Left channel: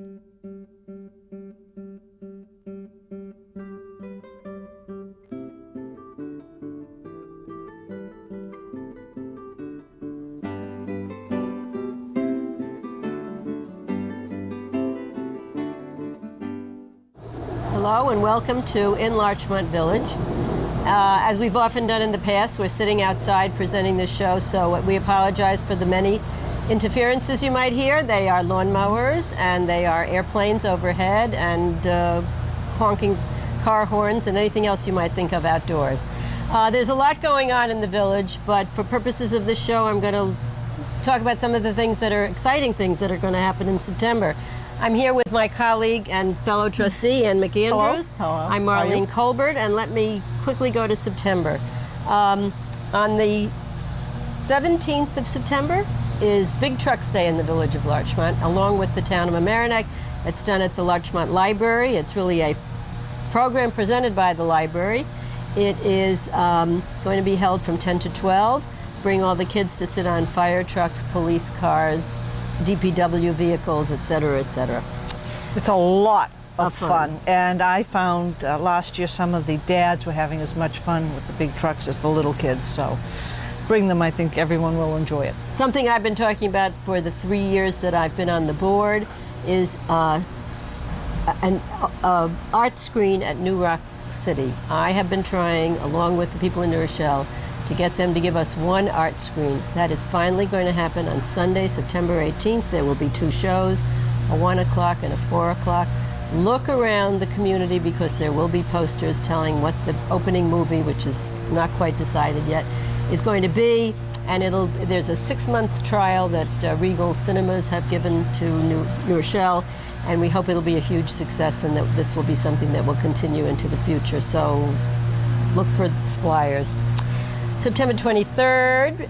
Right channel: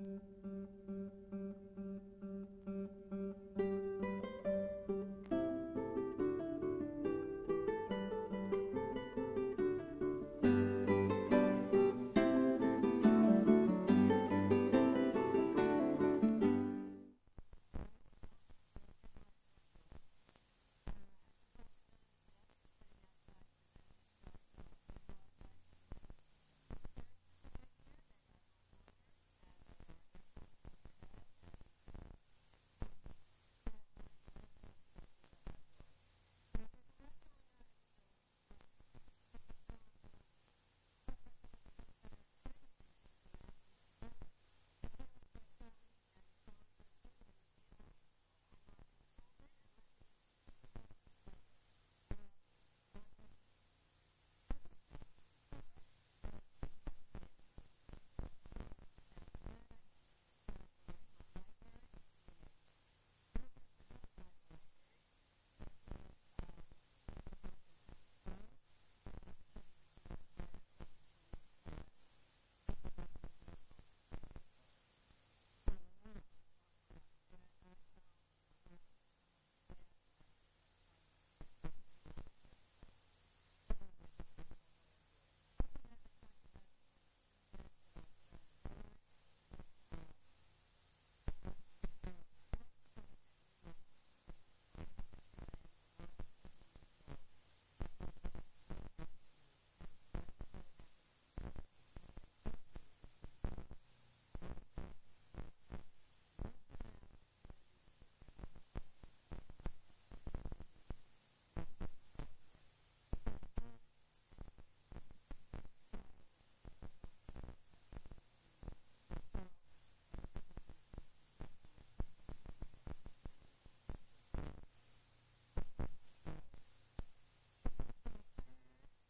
Hello and welcome to In Larchmont Village. As we've often done in the past, we're sitting outside presenting this show, so we apologize for the many interferences you might hear. They are lawnmowers and they are airplanes overhead and honking car horns and anything else you might think of outdoors. There's a lot going on in the village, but for purposes of this show, I'm going to talk about some of the things that are exciting things that are going to happen in September. I'm here with my colleague and fellow trustee, Ann McAndrews. Hello. I'm Marlene Kolbert, and let me quickly go to September. On the 17th of September is Big Trucks Day in the village of Larchmont, along with the town of Mamaroneck. It's done at the Larchmont Library. It's really a program presented by the library. It is going to be held from 10 to 12. Bring all the kids to sit on fire trucks, police cars, DPW vehicles, etc., etc. It's a lot of fun. And I found last year some of the dads were having as much fun with the big trucks as the little kids, so bring them. I think everyone will enjoy it. Something I've been talking about for the 3 years that I've been on the board is an art screen at New Rock City. I have been trying, along with the people in New Rochelle, to get them to give us one art screen. That is finally going to happen on Sunday, September 18th. There will be 2 shows, a 1 o'clock and a 4 o'clock. Look around the community because there will be posters telling what the opening movie, which is not quite decided yet, is going to be. And there's a 6-month trial that Regal Cinemas have given to New Rochelle, and we hope it'll be a huge success and that this will be something that will continue into the future. So look for flyers. September 23rd,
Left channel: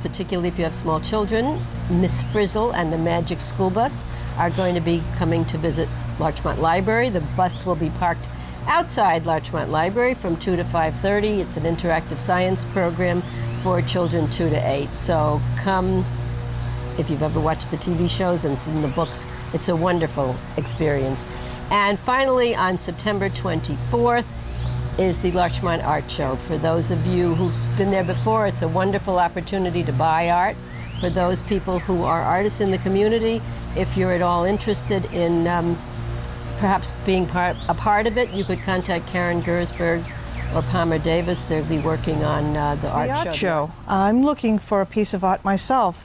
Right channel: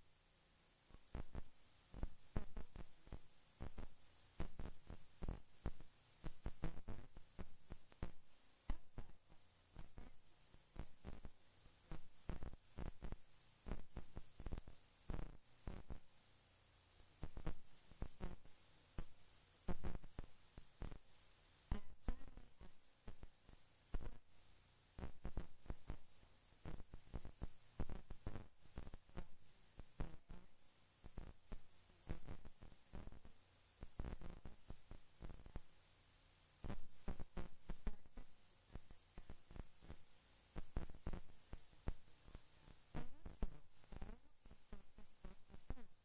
particularly if you have small children, Miss Frizzle and the Magic School Bus are going to be coming to visit Larchmont Library. The bus will be parked outside Larchmont Library from 2 to 5:30. It's an interactive science program for children 2 to 8. So come, if you've ever watched the TV shows and seen the books, it's a wonderful experience. And finally, on September 24th, is the Larchmont Art Show. For those of you who've been there before, it's a wonderful opportunity to buy art. For those people who are artists in the community, if you're at all interested in perhaps being a part of it, you could contact Karen Gersberg or Palmer Davis. They'll be working on the art show. I'm looking for a piece of art myself,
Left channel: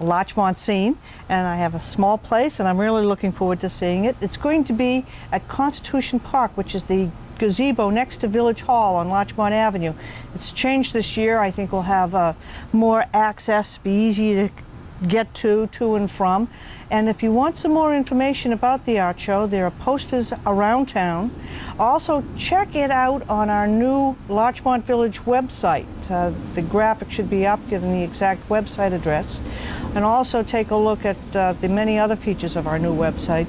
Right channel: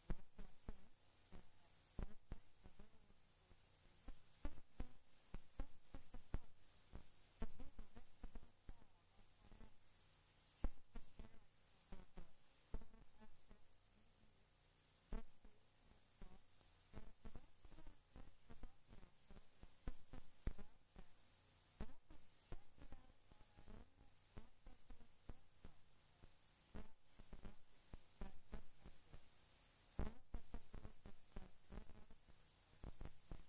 Larchmont scene, and I have a small place and I'm really looking forward to seeing it. It's going to be at Constitution Park, which is the gazebo next to Village Hall on Larchmont Avenue. It's changed this year. I think we'll have more access, be easy to get to and from. And if you want some more information about the art show, there are posters around town. Also, check it out on our new Larchmont Village website. The graphic should be up, giving the exact website address. And also take a look at the many other features of our new website.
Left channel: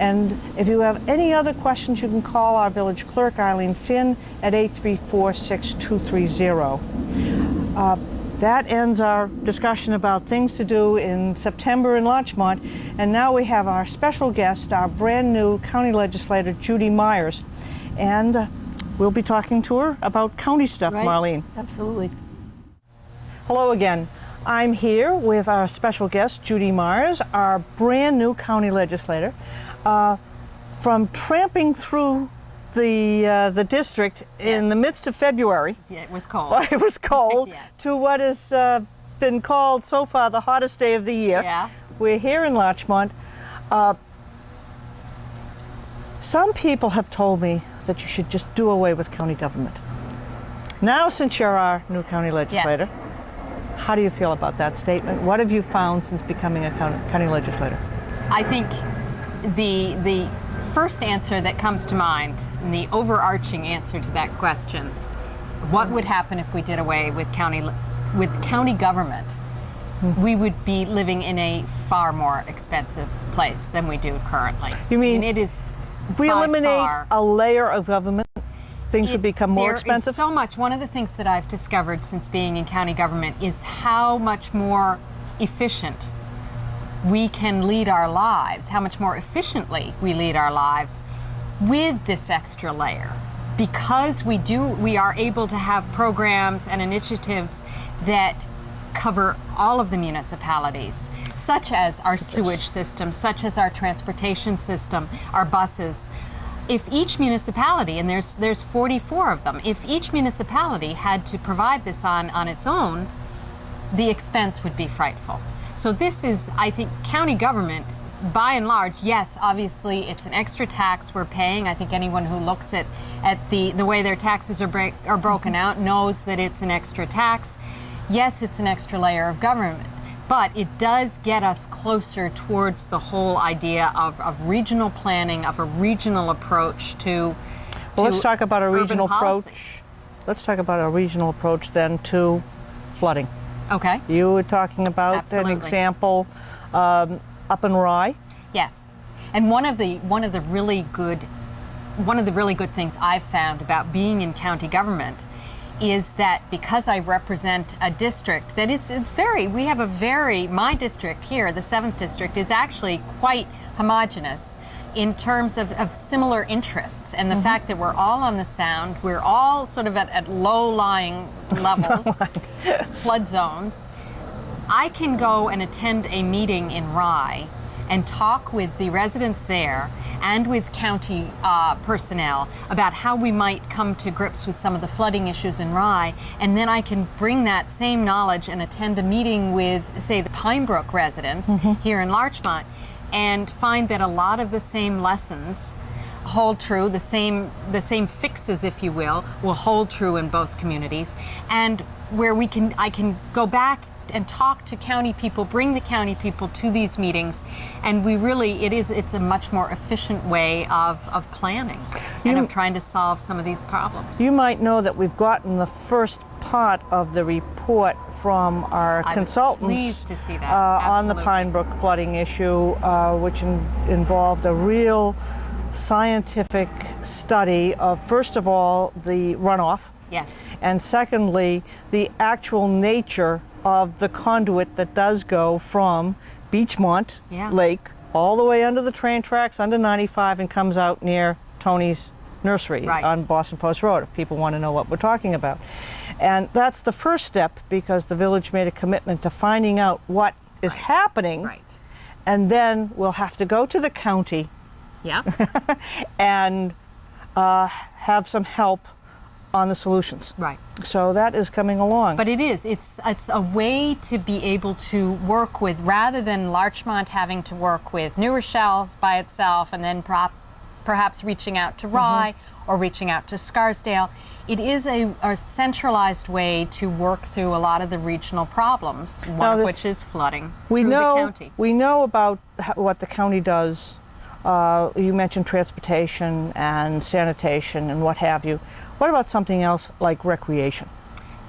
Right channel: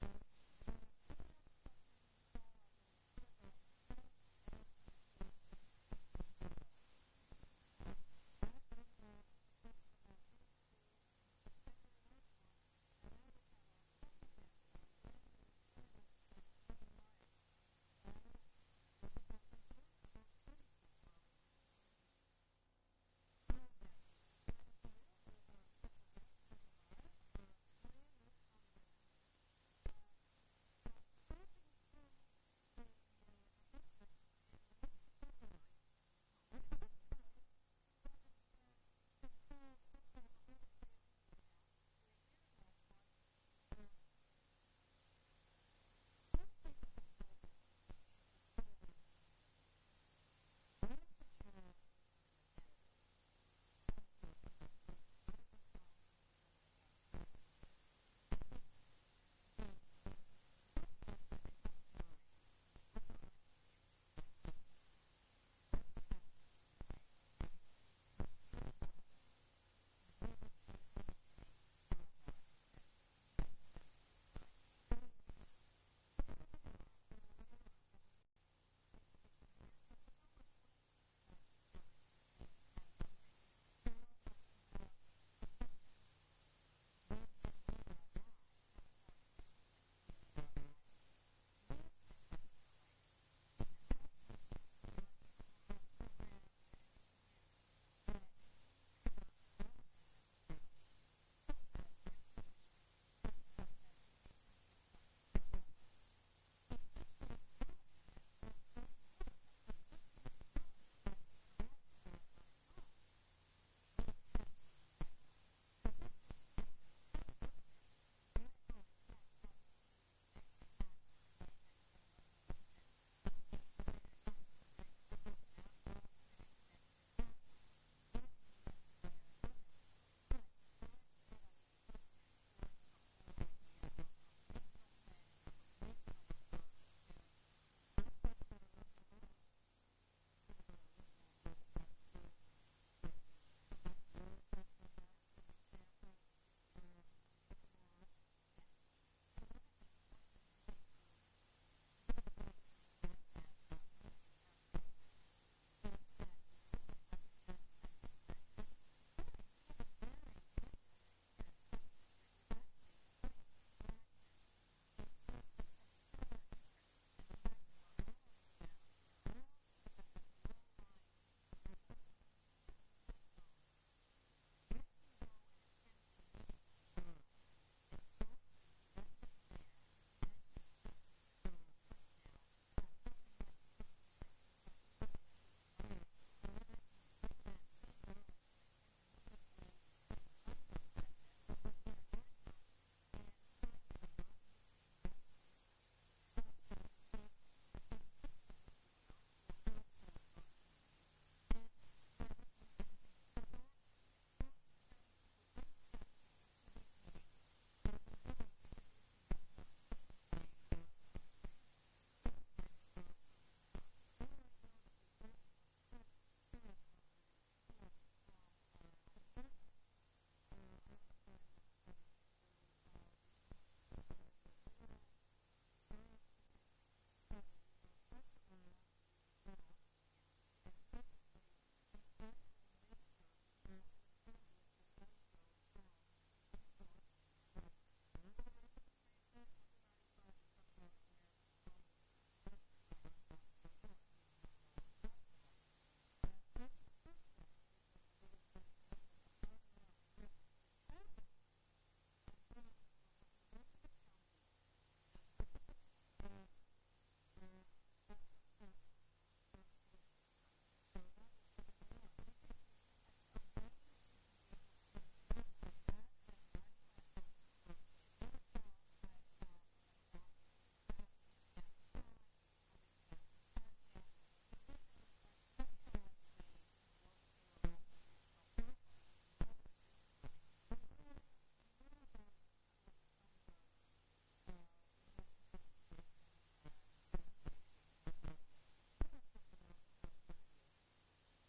And if you have any other questions, you can call our village clerk, Eileen Finn, at 834-6230. That ends our discussion about things to do in September in Larchmont. And now we have our special guest, our brand new county legislator, Judy Myers. And we'll be talking to her about county stuff, right. Marlene. Absolutely. Hello again. I'm here with our special guest, Judy Myers, our brand new county legislator. From tramping through the district in the midst of February. Yeah, it was cold. It was cold. Yes. To what has been called so far the hottest day of the year. Yeah. We're here in Larchmont. Some people have told me that you should just do away with county government. Now, since you're our new county legislator, yes. How do you feel about that statement? What have you found since becoming a county legislator? I think the first answer that comes to mind, and the overarching answer to that question, what would happen if we did away with county government? Mm-hmm. We would be living in a far more expensive place than we do currently. You mean, and it is if we eliminate a layer of government, things would become more expensive? There is so much. One of the things that I've discovered since being in county government is how much more efficient we can lead our lives, how much more efficiently we lead our lives with this extra layer. Because we are able to have programs and initiatives that cover all of the municipalities, such as our sewage system, such as our transportation system, our buses. If each municipality, and there's 44 of them, if each municipality had to provide this on its own, the expense would be frightful. So this is, I think, county government, by and large, yes, obviously it's an extra tax we're paying. I think anyone who looks at the way their taxes are broken out knows that it's an extra tax. Yes, it's an extra layer of government, but it does get us closer towards the whole idea of regional planning, of a regional approach to Well, let's talk about a regional policy. approach. Let's talk about a regional approach then to flooding. Okay. You were talking about Absolutely. an example up in Rye. Yes, and one of the really good things I've found about being in county government is that because I represent a district that is my district here, the 7th district, is actually quite homogenous in terms of similar interests, and the fact that we're all on the Sound, we're all sort of at low-lying levels, flood zones. I can go and attend a meeting in Rye and talk with the residents there and with county personnel about how we might come to grips with some of the flooding issues in Rye, and then I can bring that same knowledge and attend a meeting with, say, the Pine Brook residents here in Larchmont, and find that a lot of the same lessons hold true, the same fixes, if you will hold true in both communities, and where I can go back and talk to county people, bring the county people to these meetings, and it's a much more efficient way of planning and of trying to solve some of these problems. You might know that we've gotten the first part of the report from our consultants pleased to see that. On the Absolutely. Pine Brook flooding issue, which involved a real scientific study of, first of all, the runoff, Yes. and secondly, the actual nature of the conduit that does go from Beachmont Yeah. Lake all the way under the train tracks, under 95, and comes out near Tony's nursery Right. on Boston Post Road, if people want to know what we're talking about. And that's the first step, because the village made a commitment to finding out what is happening, Right. and then we'll have to go to the county Yeah. and have some help on the solutions. Right. So that is coming along. But it's a way to be able to work with, rather than Larchmont having to work with New Rochelle by itself and then perhaps reaching out to Rye or reaching out to Scarsdale. It is a centralized way to work through a lot of the regional problems, one of which is flooding through the county. We know about what the county does. You mentioned transportation and sanitation and what have you. What about something else like recreation?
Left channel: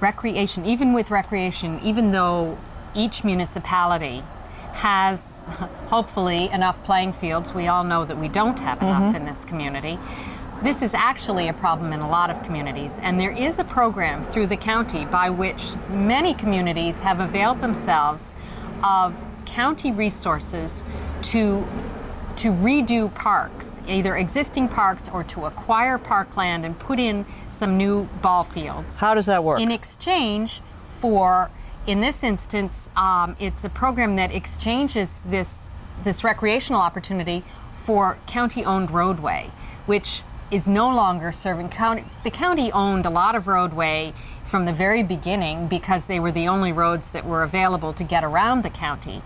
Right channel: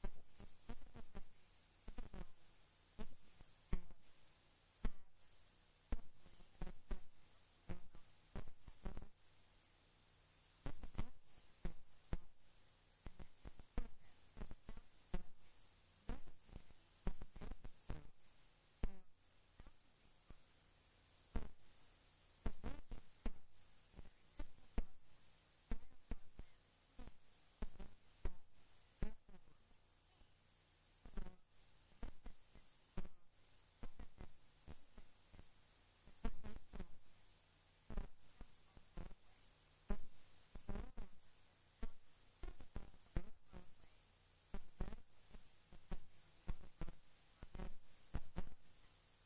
Recreation, even though each municipality has hopefully enough playing fields, we all know that we don't have enough in this community. This is actually a problem in a lot of communities, and there is a program through the county by which many communities have availed themselves of county resources to redo parks, either existing parks or to acquire parkland and put in some new ball fields. How does that work? In exchange for, in this instance, it's a program that exchanges this recreational opportunity for county-owned roadway, which is no longer serving county. The county owned a lot of roadway from the very beginning because they were the only roads that were available to get around the county.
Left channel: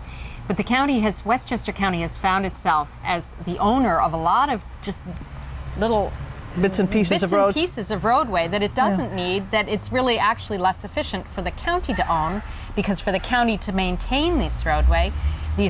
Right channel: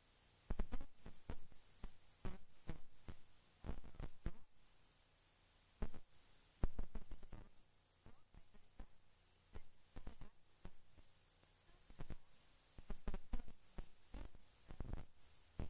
But the county Westchester County has found itself as the owner of a lot of just little bits and pieces of roads. pieces of roadway that it doesn't need, that it's really actually less efficient for the county to own, because for the county to maintain these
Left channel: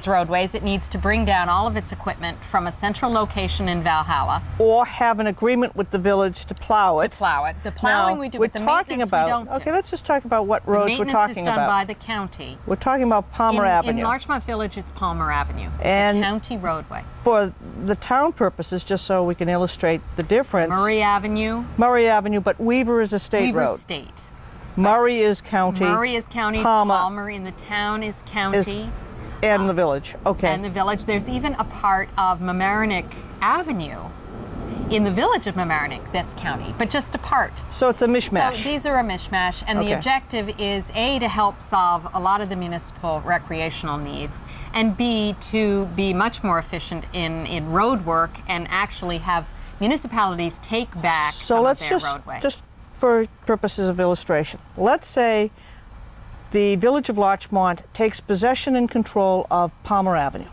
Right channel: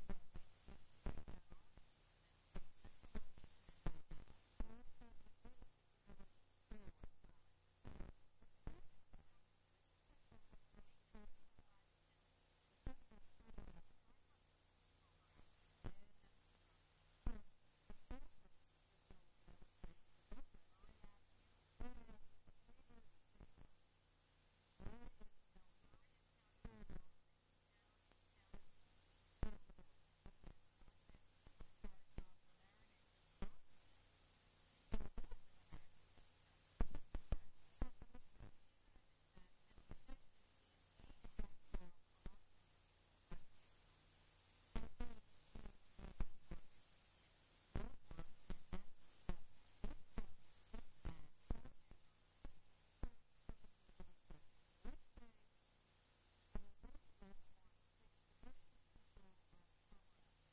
roadways, it needs to bring down all of its equipment from a central location in Valhalla. Or have an agreement with the village to plow it. The plowing Now, we do, we're but the talking maintenance about, we don't okay, do. let's just talk about what roads we're talking Maintenance is done about. by the county. We're talking about Palmer Avenue. In Larchmont Village, it's Palmer Avenue. It's And a county roadway. for the town purposes, just so we can illustrate the difference. Murray Avenue, Murray Avenue, but Weaver is a state Weaver road. State. Murray is county. Murray is county, Palmer Palmer in the town is county. And the village, okay. And the village. There's even a part of Mamaroneck Avenue in the village of Mamaroneck that's county, but just a part. So it's a mishmash. So these are a mishmash, and the Okay. objective is A, to help solve a lot of the municipal recreational needs, and B, to be much more efficient in road work and actually have municipalities take back some of their roadway. Just for purposes of illustration, let's say the village of Larchmont takes possession and control of Palmer Avenue.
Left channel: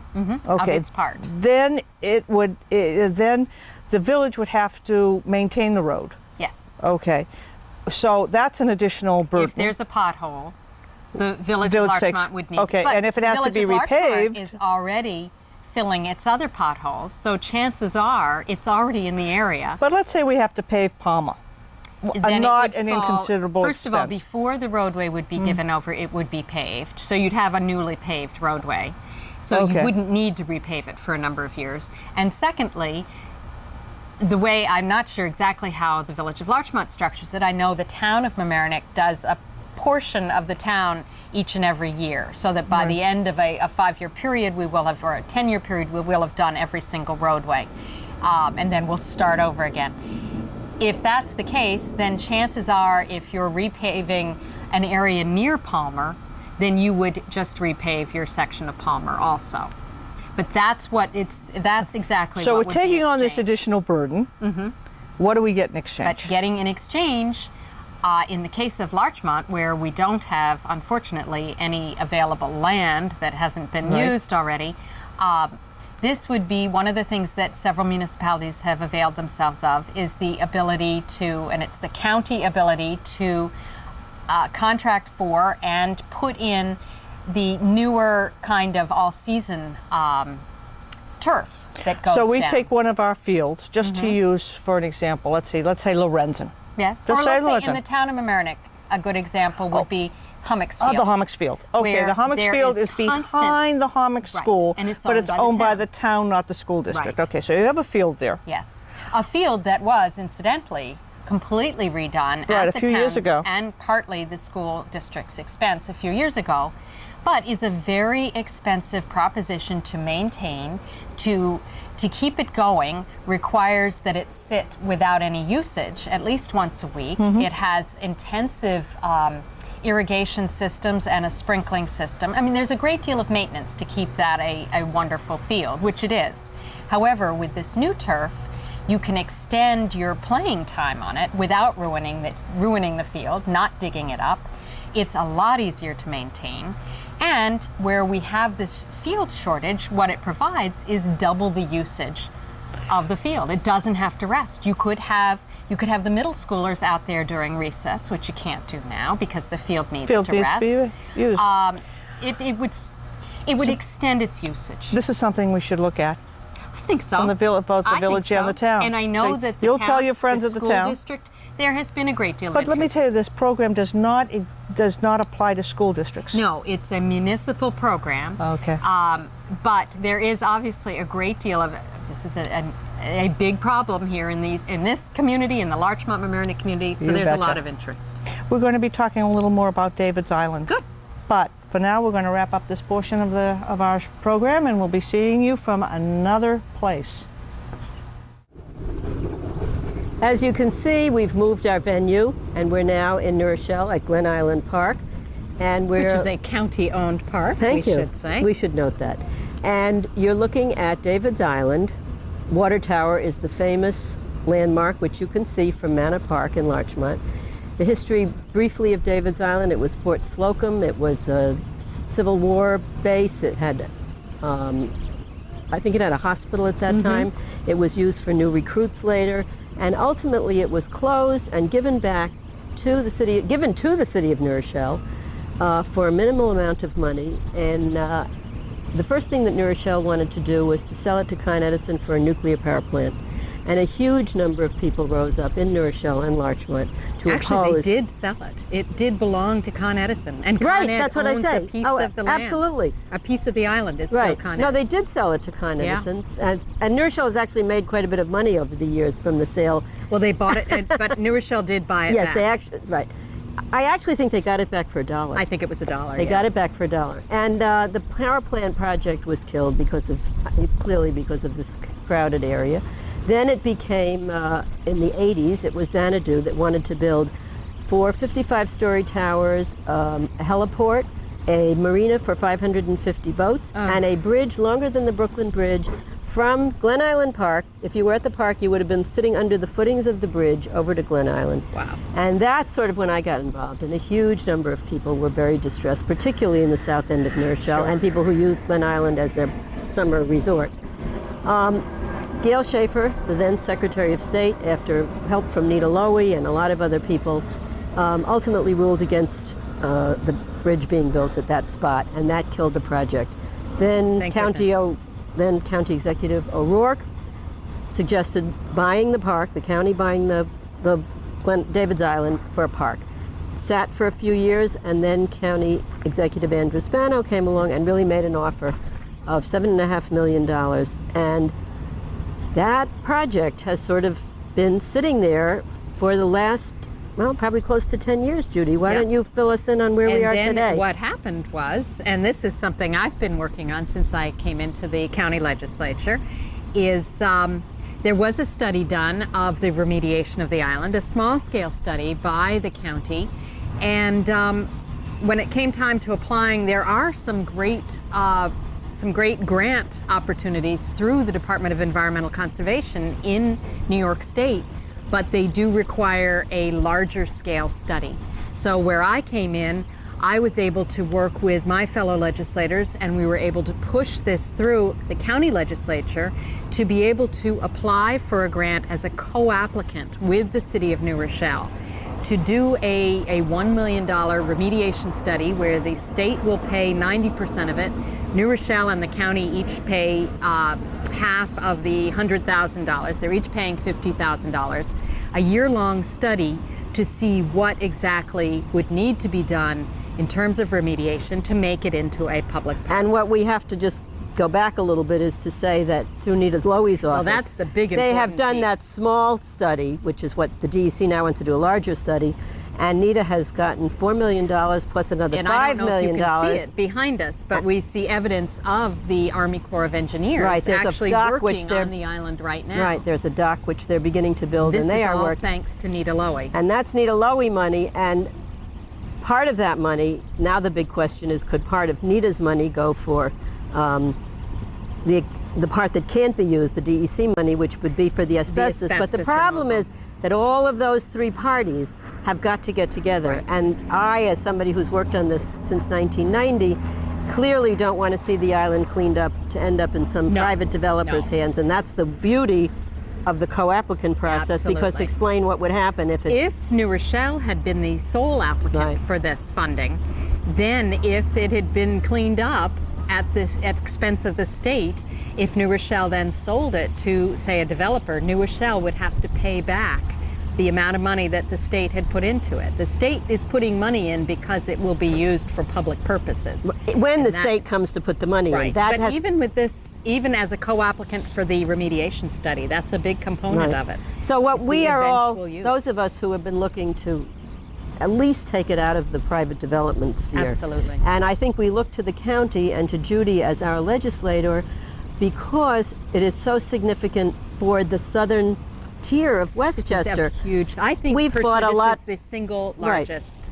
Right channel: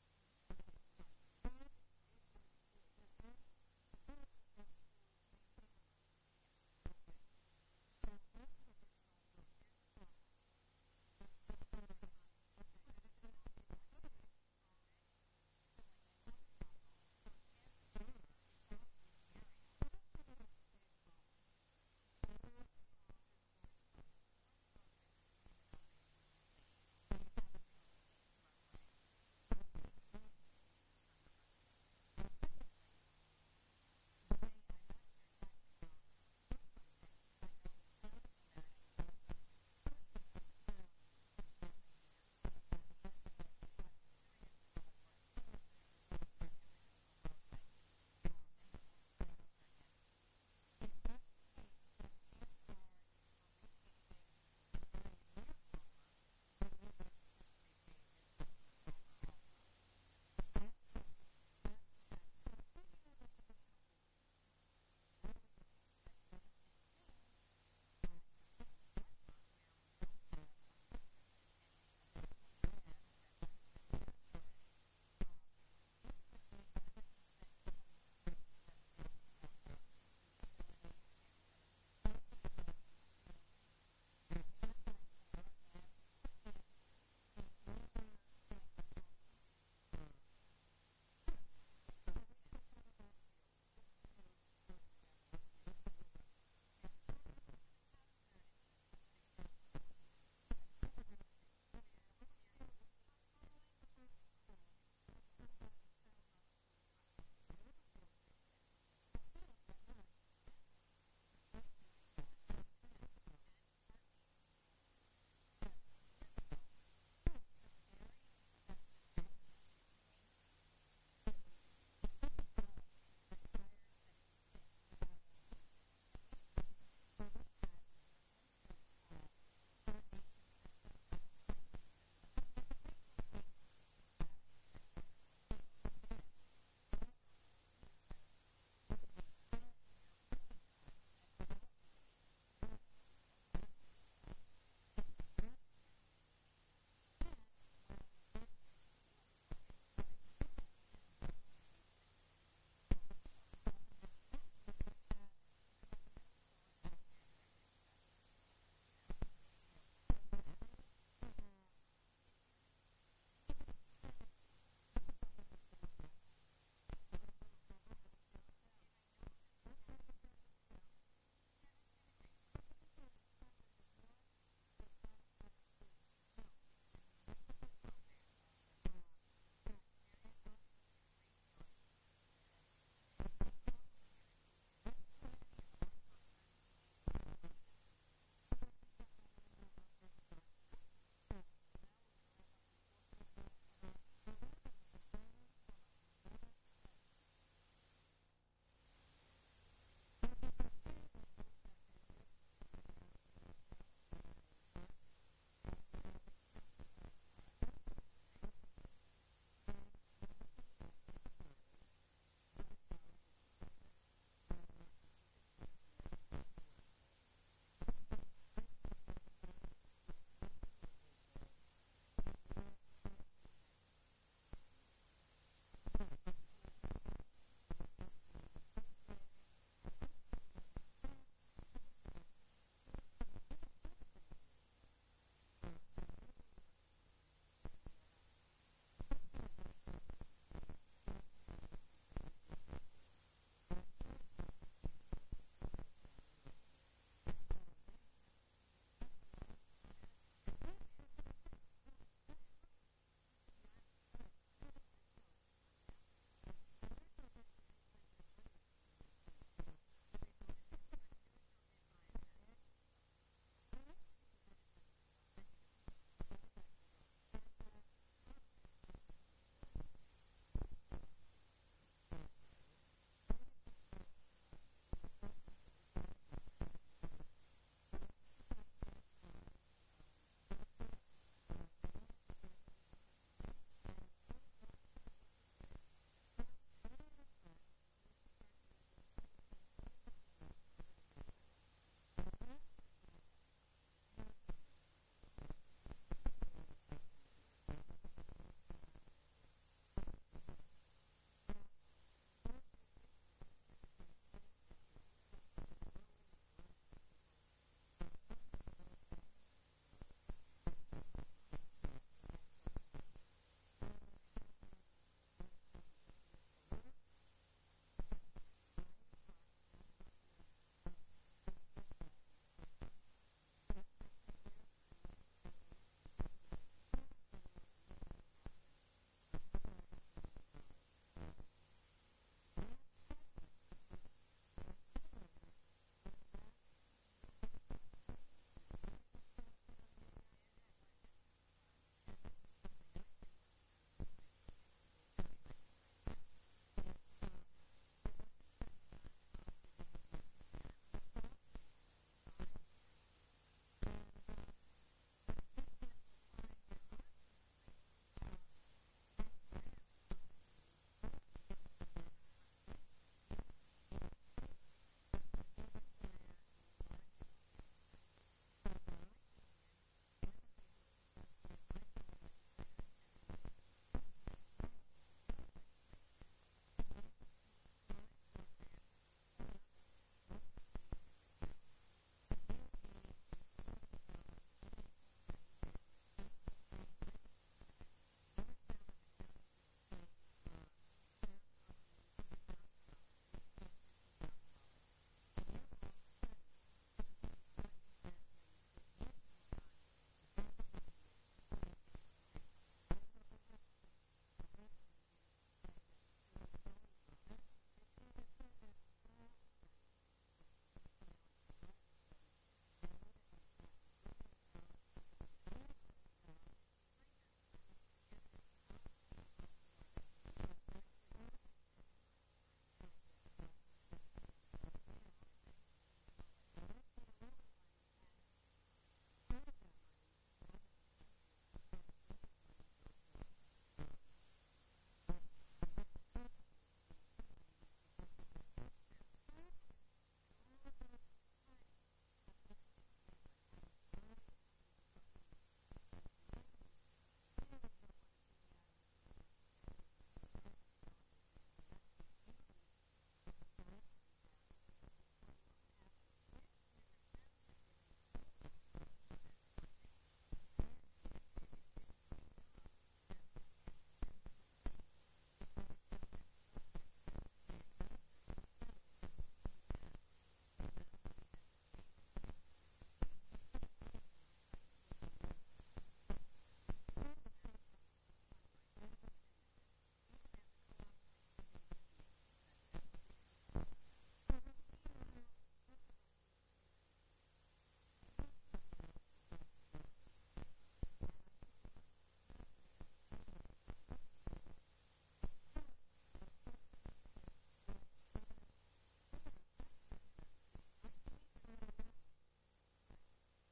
Of its part. Then then the village would have to maintain the road. Yes. Okay, so that's an additional burden. If there's a pothole, the village of Larchmont would need. Okay, but and if it has to be the village of Larchmont repaved, is already filling its other potholes, so chances are it's already in the area. but let's say we have to pave Palmer. Then it Not would an fall- inconsiderable First of all, expense. before the roadway would be given over, it would be paved. So you'd have a newly paved roadway. So Okay. you wouldn't need to repave it for a number of years. And secondly, the way, I'm not sure exactly how the village of Larchmont structures it. I know the town of Mamaroneck does a portion of the town each and every year, so that by the end of a 5-year period, we will have, or a 10-year period, we will have done every single roadway. And then we'll start over again. If that's the case, then chances are if you're repaving an area near Palmer, then you would just repave your section of Palmer also. But that's exactly So what we're would be taking on this exchanged. additional burden. What do we get in exchange? But getting in exchange, in the case of Larchmont, where we don't have, unfortunately, any available land that hasn't been used already, this would be one of the things that several municipalities have availed themselves of, is the ability to, and it's the county ability to contract for and put in the newer kind of all-season turf that goes So we down. take one of our fields, just to use for an example. Let's say Lorenzen. Yes, Just or say let's say Lorenzen. in the town of Mamaroneck, a good example would be Hummocks Field. The Hummocks Field. Okay, where the Hummocks there Field is is behind the Hummocks Right, School, and it's but owned it's by the owned by town. the town, not the school district. Right. Okay, so you have a field there. Yes, a field that was incidentally completely redone Right, at a the few years town's ago. and partly the school district's expense a few years ago, but is a very expensive proposition to maintain. To keep it going requires that it sit without any usage at least once a week. It has intensive irrigation systems and a sprinkling system. I mean, there's a great deal of maintenance to keep that a wonderful field, which it is. However, with this new turf, you can extend your playing time on it without ruining the field, not digging it up. It's a lot easier to maintain. And where we have this field shortage, what it provides is double the usage of the field. It doesn't have to rest. You could have the middle schoolers out there during recess, which you can't do now because the field needs to rest. To be used. It would extend its usage. This is something we should look at. I think so. On the both the I think village and so. the town. And I know So that the you'll town, tell your friends the at the school town. district, there has been a great deal of But let me interest. tell you, this program does not apply to school districts. No, it's a municipal program. Okay. But there is obviously a great deal of, this is a big problem here in this community, in the Larchmont Mamaroneck community, so You there's a betcha. lot of interest. We're going to be talking a little more about David's Island. Good. But for now, we're going to wrap up this portion of our program, and we'll be seeing you from another place. As you can see, we've moved our venue, and we're now in New Rochelle at Glen Island Park. And we're, Which is a county-owned park, thank we you. should say. We should note that. And you're looking at David's Island. Water Tower is the famous landmark, which you can see from Manor Park in Larchmont. The history briefly of David's Island: it was Fort Slocum. It was a Civil War base. It had, I think it had a hospital at that time. It was used for new recruits later. And ultimately it was closed and given to the city of New Rochelle for a minimal amount of money. And the first thing that New Rochelle wanted to do was to sell it to Con Edison for a nuclear power plant. And a huge number of people rose up in New Rochelle and Larchmont to Actually, oppose. they did sell it. It did belong to Con Edison, and Con Right, Ed that's what I owns say. a piece Oh, of the land. absolutely. A piece of the island is still Right. Con No, they Edison. did sell it to Con Yeah. Edison. And New Rochelle has actually made quite a bit of money over the years from the sale. Well, they bought it, but New Rochelle did buy it Yes, back. they actually, right. I actually think they got it back for $1. I think it was $1. They got it back for $1. And the power plant project was killed because of, clearly because of this crowded area. Then it became, in the 80s, it was Xanadu that wanted to build 4 55-story towers, a heliport, a marina for 550 boats, and a bridge longer than the Brooklyn Bridge from Glen Island Park. If you were at the park, you would have been sitting under the footings of the bridge over to Glen Island. Wow. And that's sort of when I got involved, and a huge number of people were very distressed, particularly in the south end of New Rochelle, and people who used Glen Island as their summer resort. Gail Schaefer, the then Secretary of State, after help from Nita Lowey and a lot of other people, ultimately ruled against the bridge being built at that spot, and that killed the project. Then County Executive O'Rourke suggested buying the park, the county buying the David's Island for a park. Sat for a few years, and then County Executive Andrew Spano came along and really made an offer of $7.5 million. And that project has sort of been sitting there for the last, well, probably close to 10 years, Judy. Why don't you fill us in on where we are today? And then what happened was, and this is something I've been working on since I came into the county legislature, is there was a study done of the remediation of the island, a small-scale study by the county, and when it came time to applying, there are some great grant opportunities through the Department of Environmental Conservation in New York State, but they do require a larger scale study. So where I came in, I was able to work with my fellow legislators, and we were able to push this through the county legislature to be able to apply for a grant as a co-applicant with the city of New Rochelle to do a $1 million remediation study where the state will pay 90% of it. New Rochelle and the county each pay half of the $100,000. They're each paying $50,000. A year-long study to see what exactly would need to be done in terms of remediation to make it into a public park. And what we have to just go back a little bit is to say that through Nita Lowey's office, well, that's the big they have important done piece. that small study, which is what the DEC now wants to do, a larger study, and Nita has gotten $4 million plus another $5 million. And I don't know if you can see it behind us, but we see evidence of the Army Corps of Engineers actually working on the island right now. Right, there's a dock which they're beginning to build, and they are working. This is all thanks to Nita Lowey. And that's Nita Lowey money, and part of that money, now the big question is, could part of Nita's money go for the part that can't be used, the DEC money, which would be for the asbestos. But the problem is that all of those three parties have got to get together. Right. And I, as somebody who's worked on this since 1990, clearly don't want to see the island cleaned up to end up in some private developer's hands. And that's the beauty of the co-applicant process, because explain what would happen if New Rochelle had been the sole applicant for this funding, then if it had been cleaned up at expense of the state, if New Rochelle then sold it to, say, a developer, New Rochelle would have to pay back the amount of money that the state had put into it. The state is putting money in because it will be used for public purposes. When the state comes to put the money in. But even with this, even as a co-applicant for the remediation study, that's a big component of it. So what we are all, those of us who have been looking to at least take it out of the private development sphere. Absolutely. And I think we look to the county and to Judy as our legislator because it is so significant for the southern tier of Westchester. This is a huge, I think we've bought a lot. This is the single largest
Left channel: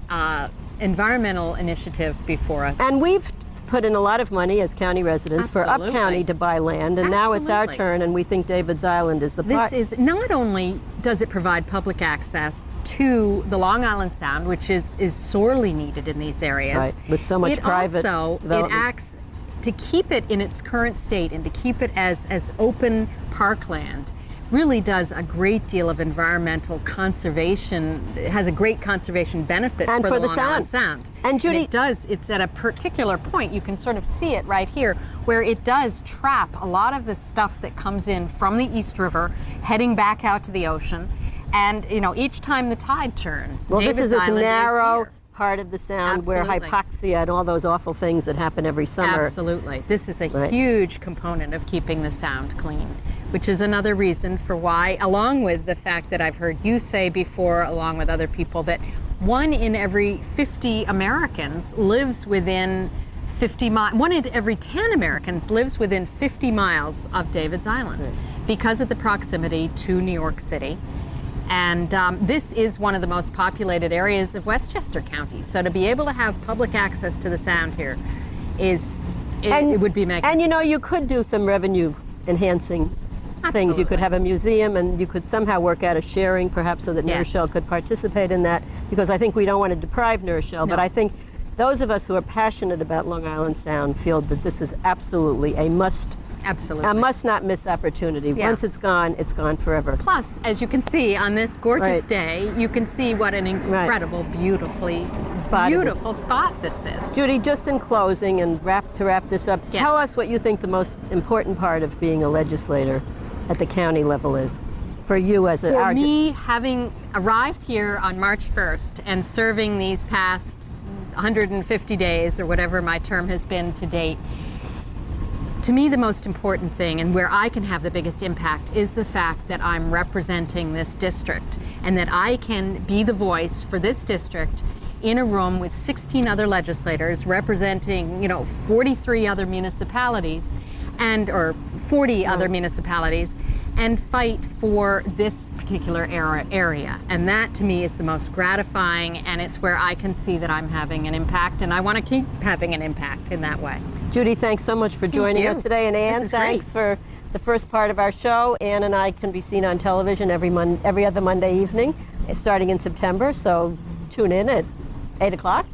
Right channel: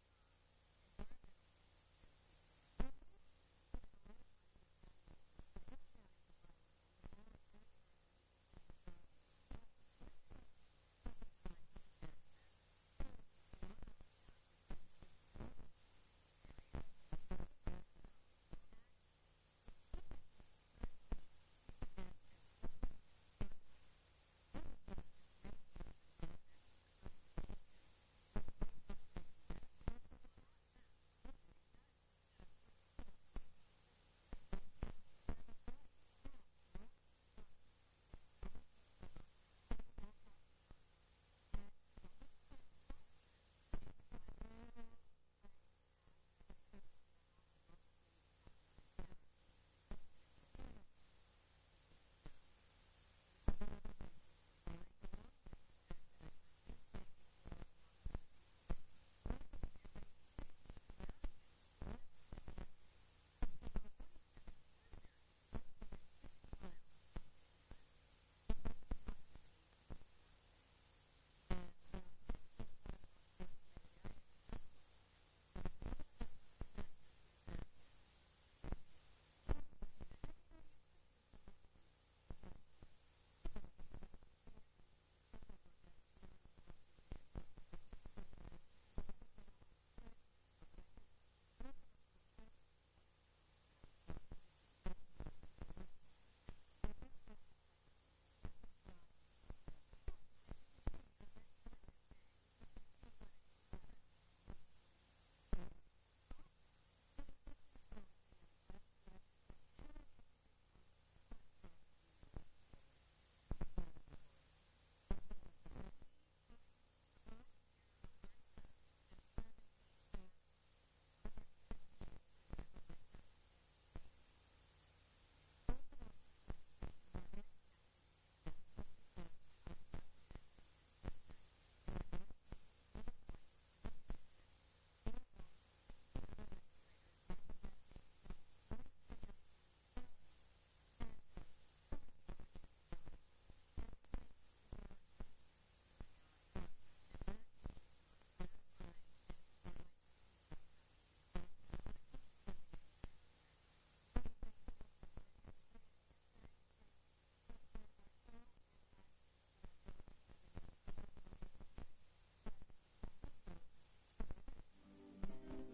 environmental initiative before us. And we've put in a lot of money as county residents for Up County to buy land, and now it's our turn, and we think David's Island is the part. This is, not only does it provide public access to the Long Island Sound, which is sorely needed in these areas. With so much private development. It acts to keep it in its current state and to keep it as open parkland. Really does a great deal of environmental conservation. It has a great conservation benefit and for the Long Island Sound. And Judy, it does. It's at a particular point. You can sort of see it right here, where it does trap a lot of the stuff that comes in from the East River, heading back out to the ocean. And you know, each time the tide turns, well, David's this is this Island narrow part of the Sound where Absolutely. hypoxia and all those awful things that happen every summer. Absolutely. This is a huge component of keeping the Sound clean, which is another reason for why, along with the fact that I've heard you say before, along with other people, that 1 in every 50 Americans lives within 50 miles. 1 in every 10 Americans lives within 50 miles of David's Island because of the proximity to New York City. And this is one of the most populated areas of Westchester County. So to be able to have public access to the sound here it would be magnificent. And you know, you could do some revenue enhancing things. You could have a museum, and you could somehow work out a sharing, perhaps, so that New Rochelle could participate in that, because I think we don't want to deprive New Rochelle, but I think those of us who are passionate about Long Island Sound feel that this is absolutely a must not miss opportunity. Once it's gone forever. Plus, as you can see on this gorgeous day, you can see what an incredible, beautiful spot this is. Judy, just in closing and to wrap this up, tell us what you think the most important part of being a legislator at the county level is for you as For me, having arrived here on March 1st and serving these past 150 days or whatever my term has been to date, to me the most important thing and where I can have the biggest impact is the fact that I'm representing this district and that I can be the voice for this district in a room with 16 other legislators representing, 43 other municipalities or 40 other municipalities, and fight for this particular area. And that to me is the most gratifying, and it's where I can see that I'm having an impact, and I want to keep having an impact in that way. Judy, thanks so much for joining us today, and Ann, thanks for the first part of our show. Ann and I can be seen on television every other Monday evening, starting in September, so tune in at 8 o'clock,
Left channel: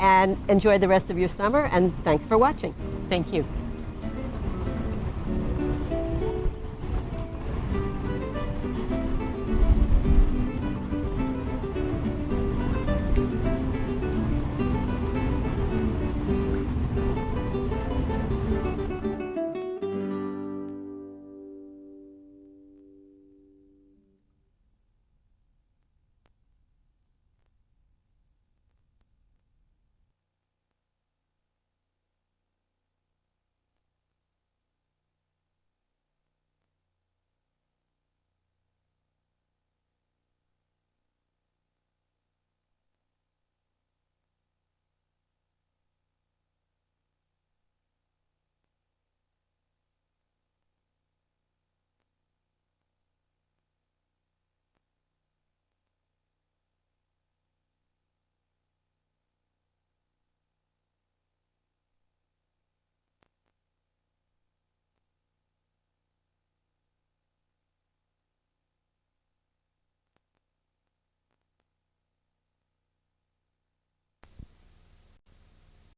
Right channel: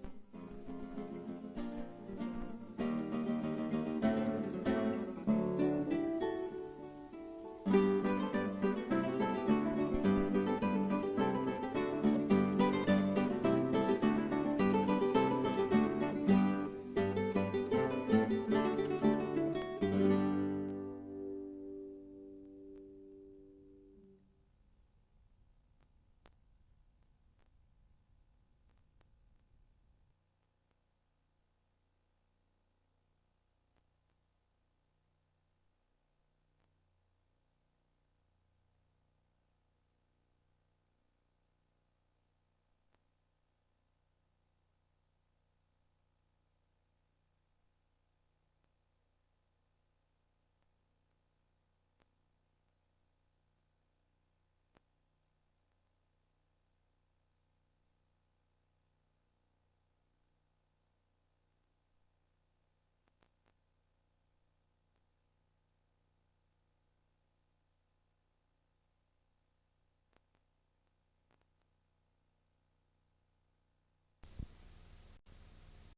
and enjoy the rest of your summer, and thanks for watching. Thank you.